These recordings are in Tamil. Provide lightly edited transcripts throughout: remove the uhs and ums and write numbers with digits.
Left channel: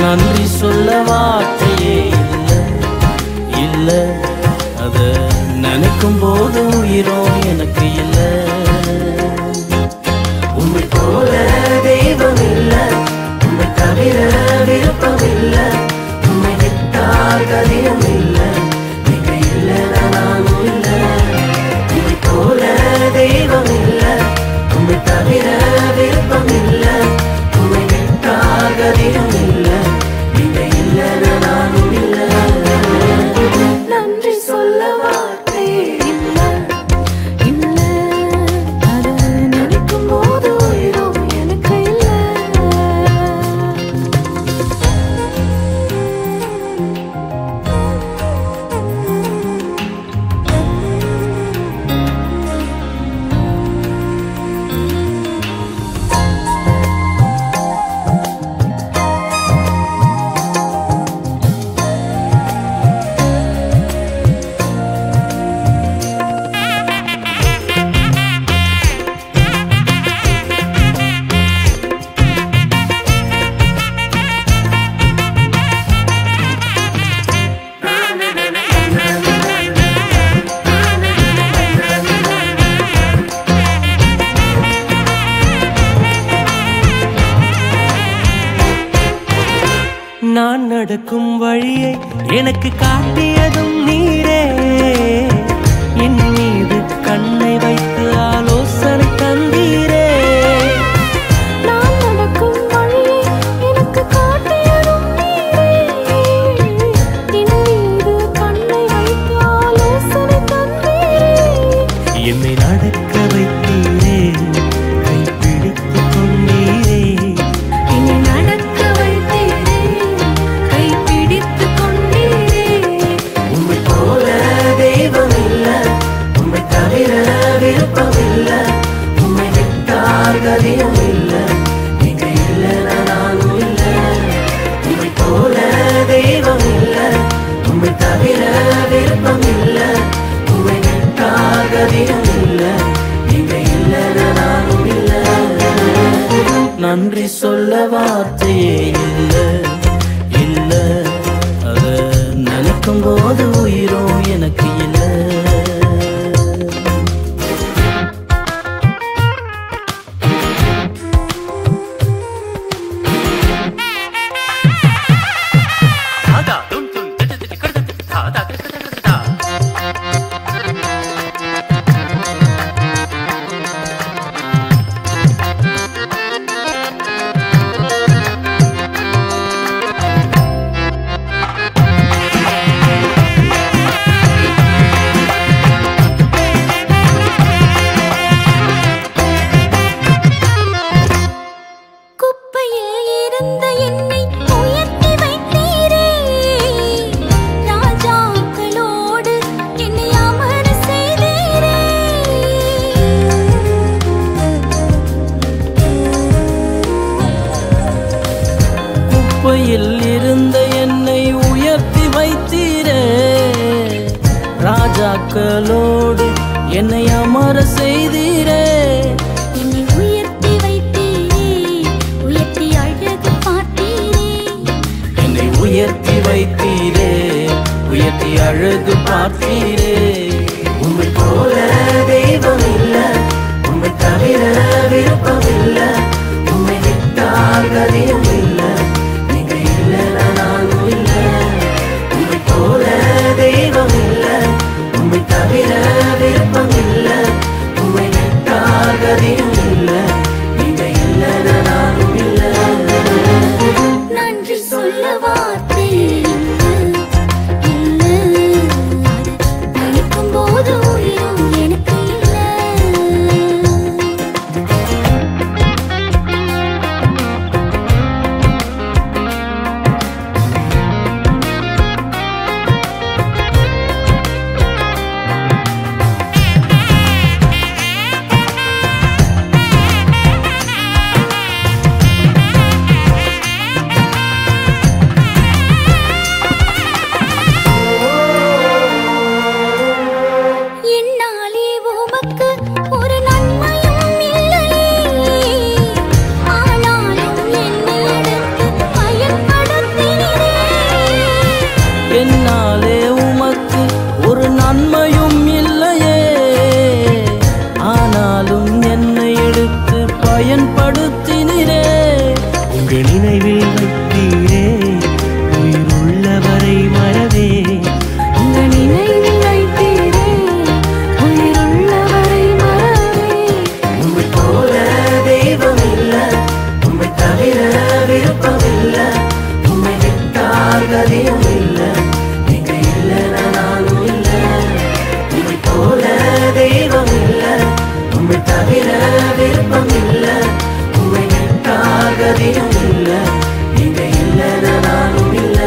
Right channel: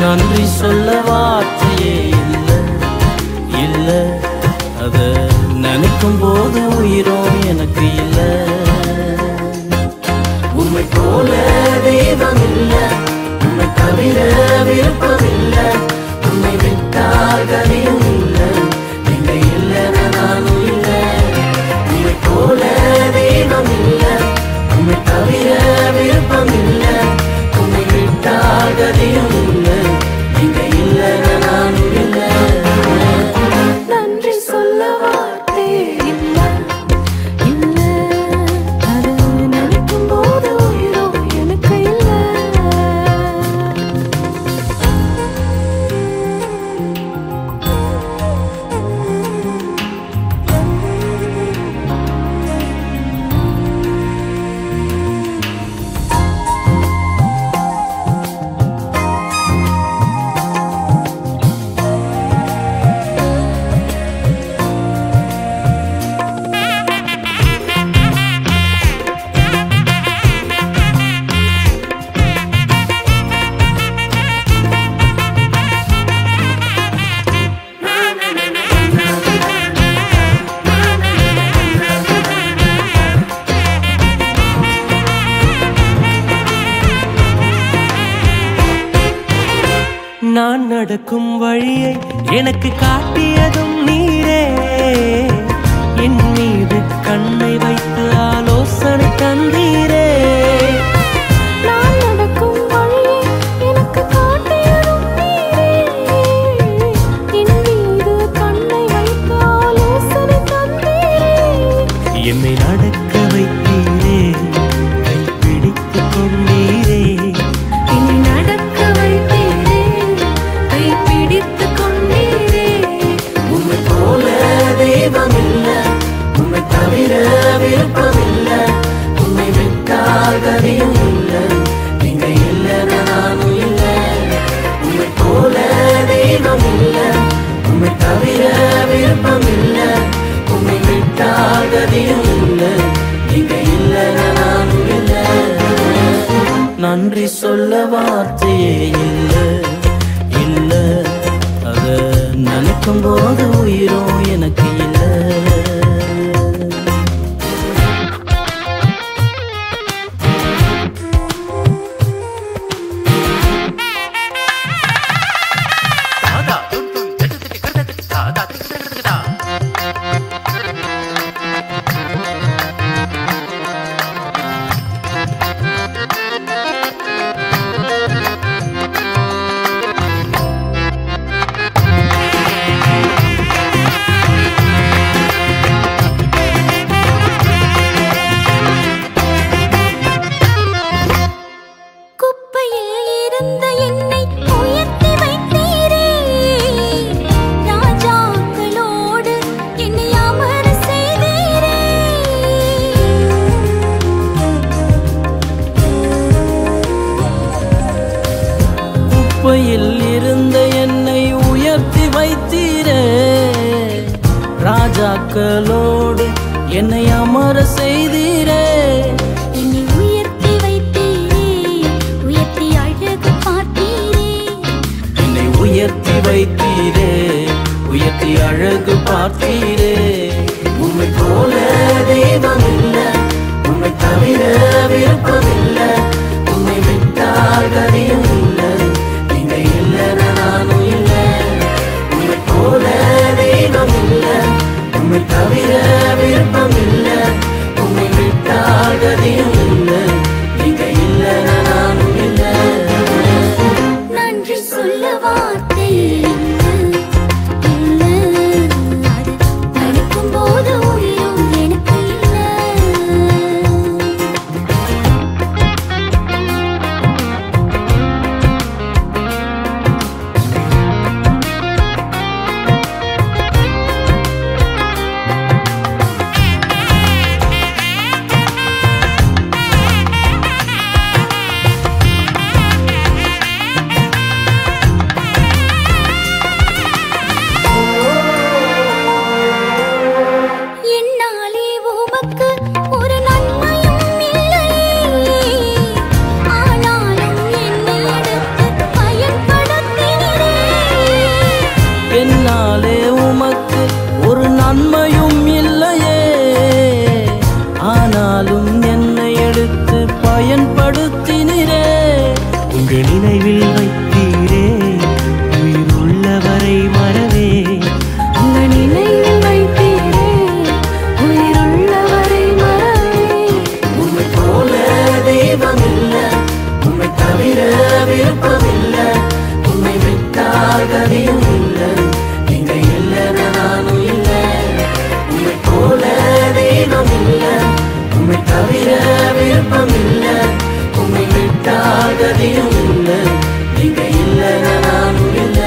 நன்றி சொல்ல வார்த்தையே இல்ல இல்ல, அத நினைக்கும் போது உயிரும் எனக்கு இல்ல. உம்மை போல தெய்வம் இல்ல, உம்மை தவிர விருப்பம் இல்ல, உம்மை விட்டால் கதியும் இல்ல, நீங்க இல்லைன்னா நானும் இல்ல. உம்மை போல தெய்வம் இல்ல, உம்மை தவிர விருப்பம் இல்ல, உம்மை விட்டால் கதியும் இல்ல, நீங்க இல்லைன்னா நானும் இல்ல. நன்றி சொல்ல வார்த்தை இல்ல இல்ல, அத நினைக்கும் போது உயிரோ எனக்கு இல்ல. நான் நடக்கும் வழியை எனக்கு காட்டியதும் நீரே, என் மீது கண்ணை வைத்து ஆலோசனை தந்தீரே. நான் நடக்கும் வழியை எனக்கு காட்டியதும் நீரே, என் மீது கண்ணை வைத்து ஆலோசனை தந்தீரே. என்னை நடக்க வைத்தீரே, கைப்பிடித்து கொண்டீரே. என்னை நடக்க வைத்தீரே, கைப்பிடித்து கொண்டீரே. உம்மை போல தெய்வம் இல்ல, உம்மை தவிர விருப்பம் இல்ல, உம்மை விட்டால் கதியும் இல்ல, நீங்க இல்லைன்னா நானும் இல்ல. உம்மை போல தெய்வம் இல்ல, உம்மை தவிர விருப்பம் இல்ல, உம்மை விட்டால் கதியும் இல்ல, நீங்க இல்லைன்னா நானும் இல்ல. நன்றி சொல்ல வார்த்தையே இல்ல இல்ல, அத நினைக்கும் போது உயிரும் எனக்கு இல்ல. குப்பையில் இருந்த என்னை உயர்த்தி வைத்தீரே, ராஜாக்களோடு என்னை அமர செய்தீரே. குப்பையில் இருந்த என்னை உயர்த்தி வைத்தீரே, ராஜாக்களோடு என்னை அமர செய்தீரே. என்னை உயர்த்தி வைத்தீரே, உயர்த்தி அழகு பார்த்தீரே. என்னை உயர்த்தி வைத்தீரே, உயர்த்தி அழகு பார்த்தீரே. உம்மை போல தெய்வம் இல்ல, உம்மை தவிர விருப்பம் இல்ல, உம்மை விட்டால் கதியும் இல்ல, நீங்க இல்லைன்னா நானும் இல்ல. உம்மை போல தெய்வம் இல்ல, உம்மை தவிர விருப்பம் இல்ல, உம்மை விட்டால் கதியும் இல்ல, நீங்க இல்லைன்னா நானும் இல்ல. நன்றி சொல்ல வார்த்தை இல்ல இல்ல, அத நினைக்கும் போது உயிரும் எனக்கு இல்ல. நன்மையும் இல்லையே. ஆனாலும் என்னை எடுத்து பயன்படுத்தினீரே. உங்க நினைவில் வைத்தீரே உயிர் உள்ளவரை மறவே. உங்க நினைவில் வைத்தீரே உயிருள்ளவரை மறவே. உம்மை போல தெய்வம் இல்ல, உம்மை தவிர விருப்பமில்ல. உம்மை விட்டால் கதியும் இல்ல, நீங்க இல்லைன்னு நானும் இல்ல. உம்மை போல தெய்வம் இல்ல, உம்மை தவிர விருப்பம் இல்ல. உம்மை விட்டால் கதியும் இல்ல, நீங்க இல்லைன்னு நானும் இல்ல.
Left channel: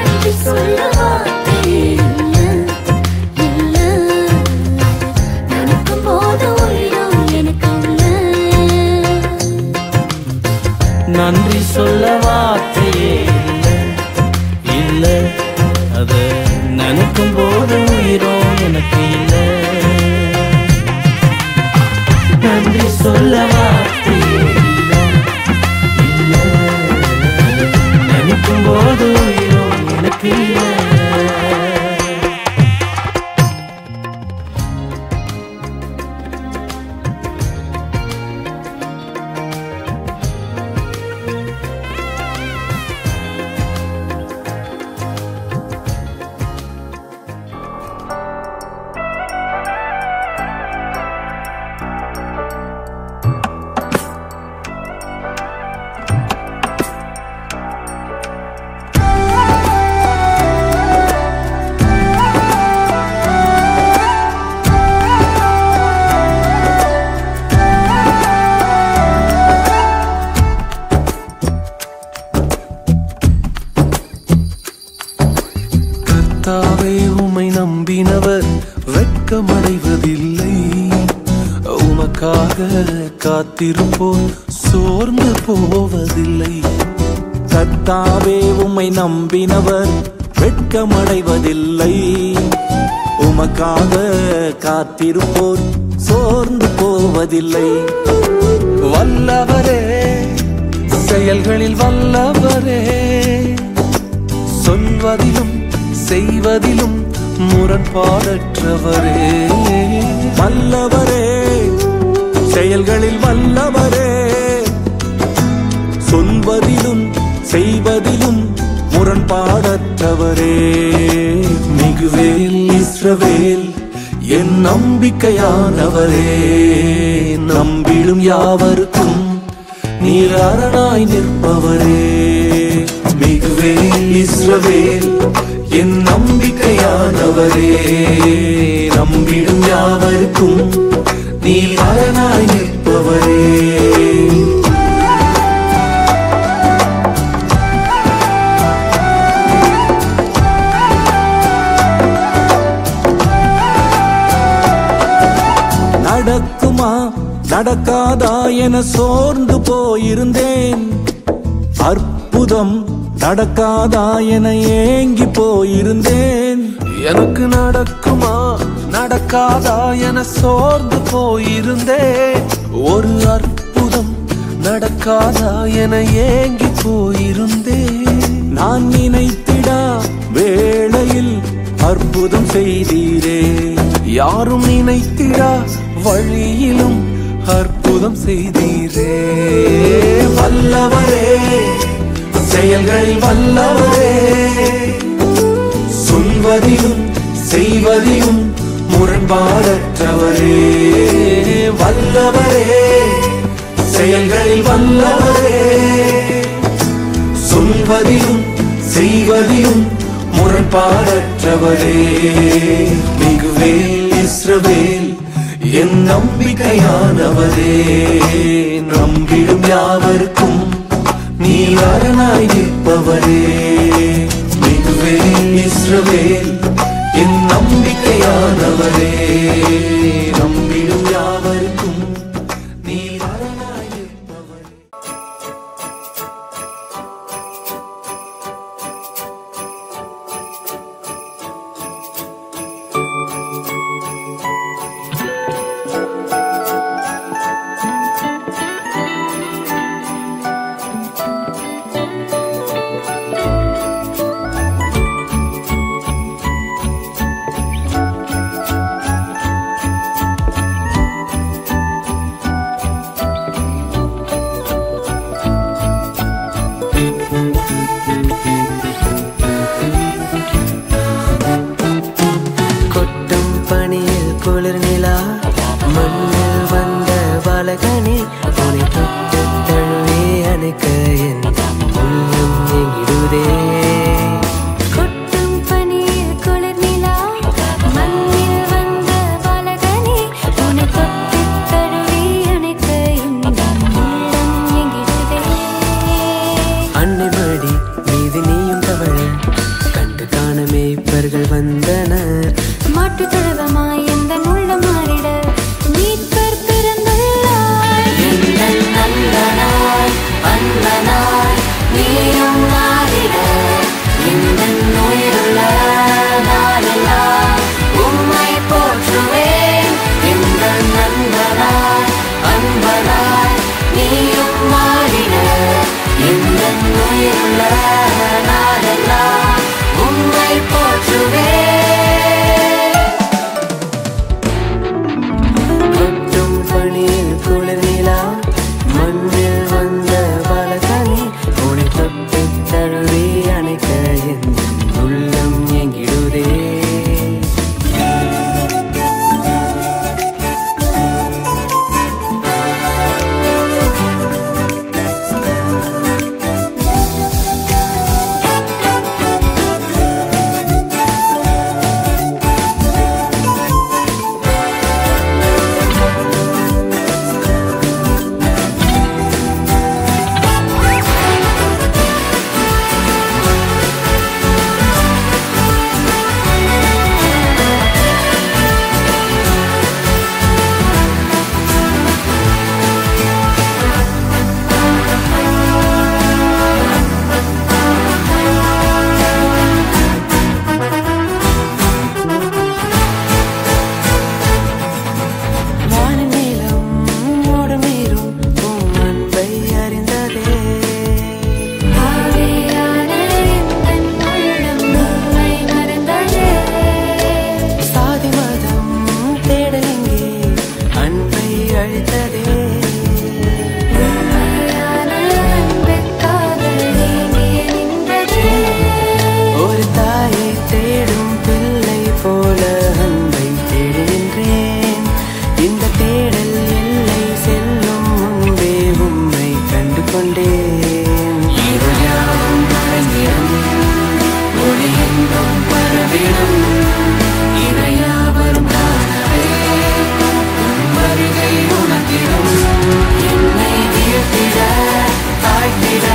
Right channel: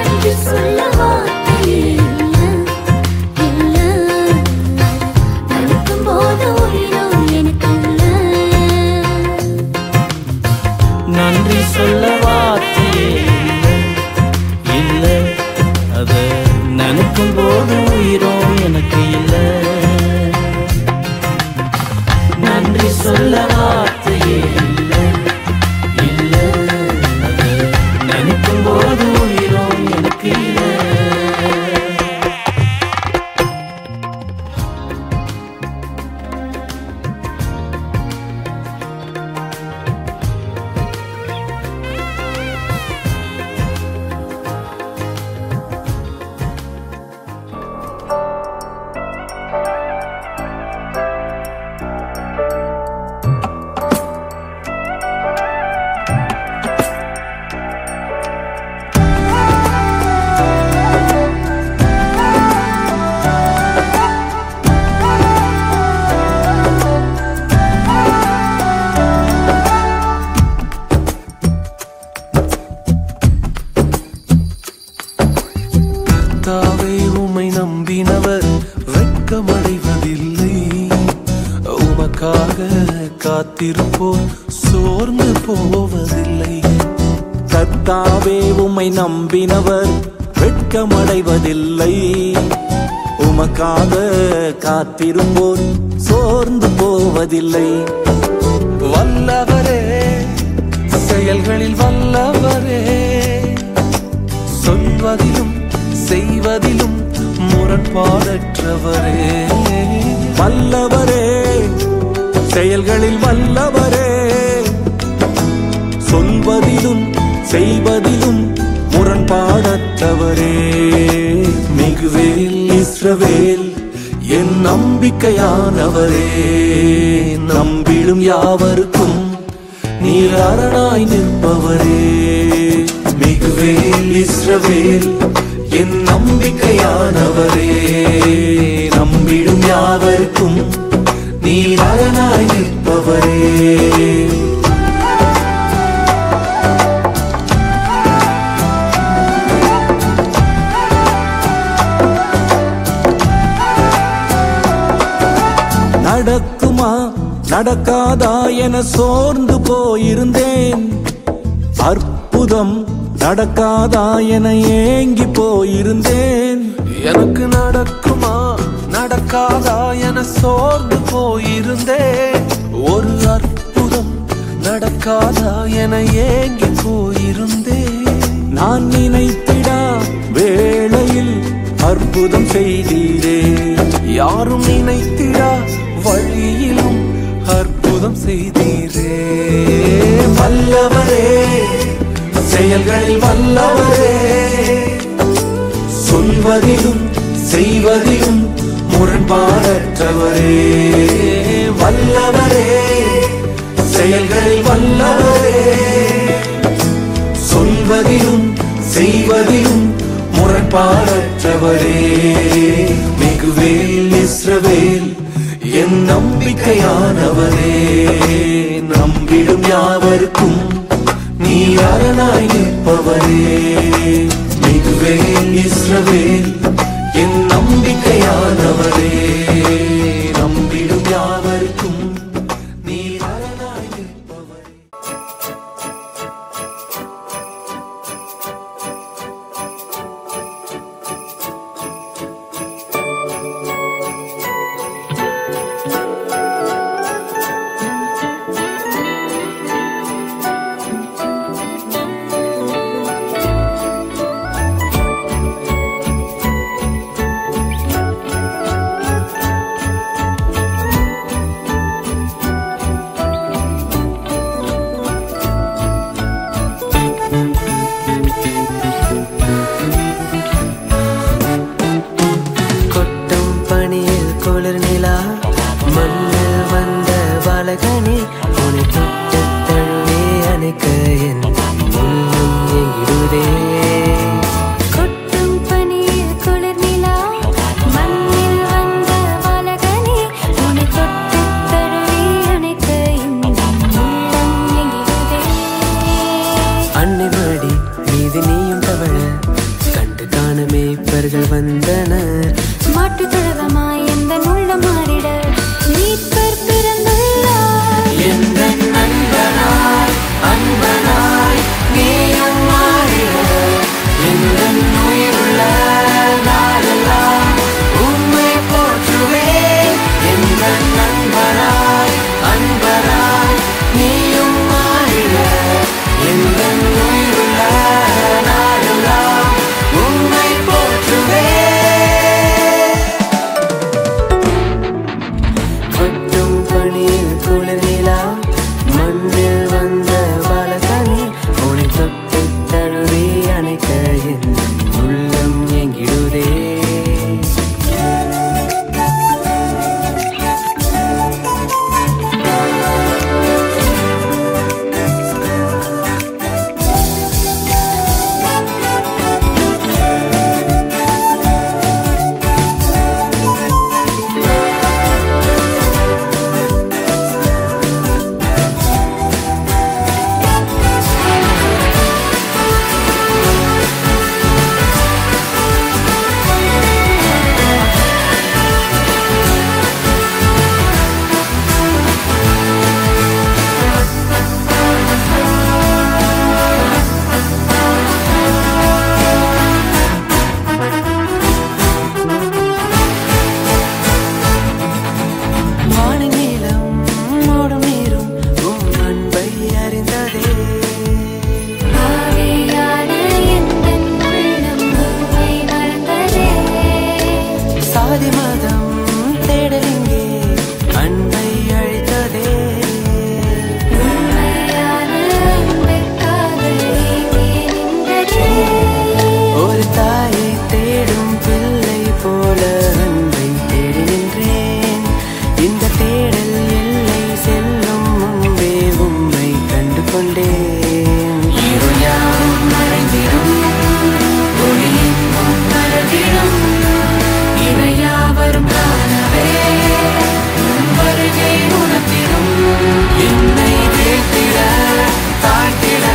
நன்றி சொல்ல வார்த்தை இல்ல, இல்ல. அது நினைக்கும் போது உயிரோ எனக்கு இல்ல. நன்றி சொல்ல வார்த்தையே இல்லை, இல்லை. அதை நினைக்கும் போது உயிரோ எனக்கு இல்லை. நன்றி சொல்ல வார்த்தையே இல்லை, இல்லை. நினைக்கும் போது உயிரோ எனக்கு இல்லை. கர்த்தாவே உம்மை நம்பினவர் வெட்கமடைவதில்லை. உமக்காக காத்திருப்போர் சோர்ந்து போவதில்லை. கர்த்தாவே உம்மை நம்பினவர் வெட்கமடைவதில்லை. உமக்காக காத்திருப்போர் சோர்ந்து போவதில்லை. வல்லவரே, செயல்களில் வல்லவரே, சொல்வதிலும் செய்வதிலும் முரண்பாடற்றவரே. வல்லவரே, செயல்களில் வல்லவரே, சொல்வதிலும் செய்வதிலும் முரண்பாடற்றவரே. மிகுவேல் இஸ்ரவேல் என் நம்பிக்கையானவரே. நம்பிடும் யாவருக்கும் நீர் அரணாய் நிற்பவரே. மிகுவேல் இஸ்ரவேல் என் நம்பிக்கையானவரே. நம்பிடும் யாவருக்கும் நீர் அரணாய் நிற்பவரே. நடக்குமா நடக்காதா என சோர்ந்து போயிருந்தேன். அற்புதம் நடக்காதா என ஏங்கி போயிருந்தேன். எனக்கு நடக்குமா நடக்காதா என சோர்ந்து போயிருந்தேன். ஒரு அற்புதம் நடக்காதா என ஏங்கி போயிருந்தேன். நான் நினைத்திடா வேளையில் அற்புதம் செய்தீரே. யாரும் நினைத்திடா வழியிலும் அற்புதம் செய்தீரே. வல்லவரே, செயல்களில் வல்லவரே, சொல்வதிலும் செய்வதிலும் முரண்பாடற்றவரே. வல்லவரே, செயல்களில் வல்லவரே, சொல்வதிலும் செய்வதிலும் முரண்பாடற்றவரே. மிகுவேல் இஸ்ரவேல் என் நம்பிக்கையானவரே. நம்பிடும் யாவருக்கும் நீர் அரணாய் நிற்பவரே. மிகுவேல் இஸ்ரவேல் என் நம்பிக்கையானவரே. நம்பிடும் யாவருக்கும் நீர் அரணாய் நிற்பவரே. தவழ கண்டு காண மேய்ப்பர்கள் வந்தனர். மாட்டு தொழவமாய் எந்த உள்ள மாறிட மீட்பர் பிறந்துள்ளார். எந்த நண்பனாய் அன்பனாய் நீயும் மாறிட இந்த உயிருள்ள நாளெல்லாம் உம்மை போற்றுவேன். எந்த நண்பனாய் அன்பனாய் நீயும் மாறிட இந்த உயிருள்ள நாளெல்லாம் உம்மை போற்றுவேன். கொட்டும் பணியில் குளிர் நிலா மண்ணில் வந்த பாலகனி உனை தொட்டு தழுவி அணைக்க என் உள்ளம் எங்கிடுதே. ஆவியான எந்தன் உள்ளம் உம்மை மறந்ததே. உண்மையான அன்பிற்காக நீங்கே நின்றதே. ஒரு தாயை தேடும் பிள்ளை போல அன்பை தேடி நின்றேன். இந்த தேடல் எல்லை செல்லும் முன்பே உம்மை கண்டு கொண்டேன். இருயாவும் மறைந்திடும் ஒளியெங்கும் பரவிடும் இவையாவரும் காணவே உன் வருகை உனக்கிடும். என்னை வீழ்த்திட தாழ்த்திட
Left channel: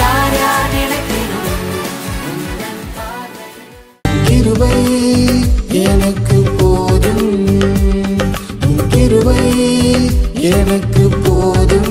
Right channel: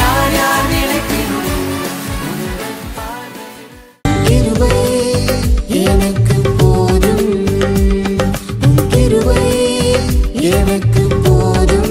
யார் யார் நிலைத்திடும். கிருபை எனக்கு போதும், உன் கிருபை எனக்கு போதும்.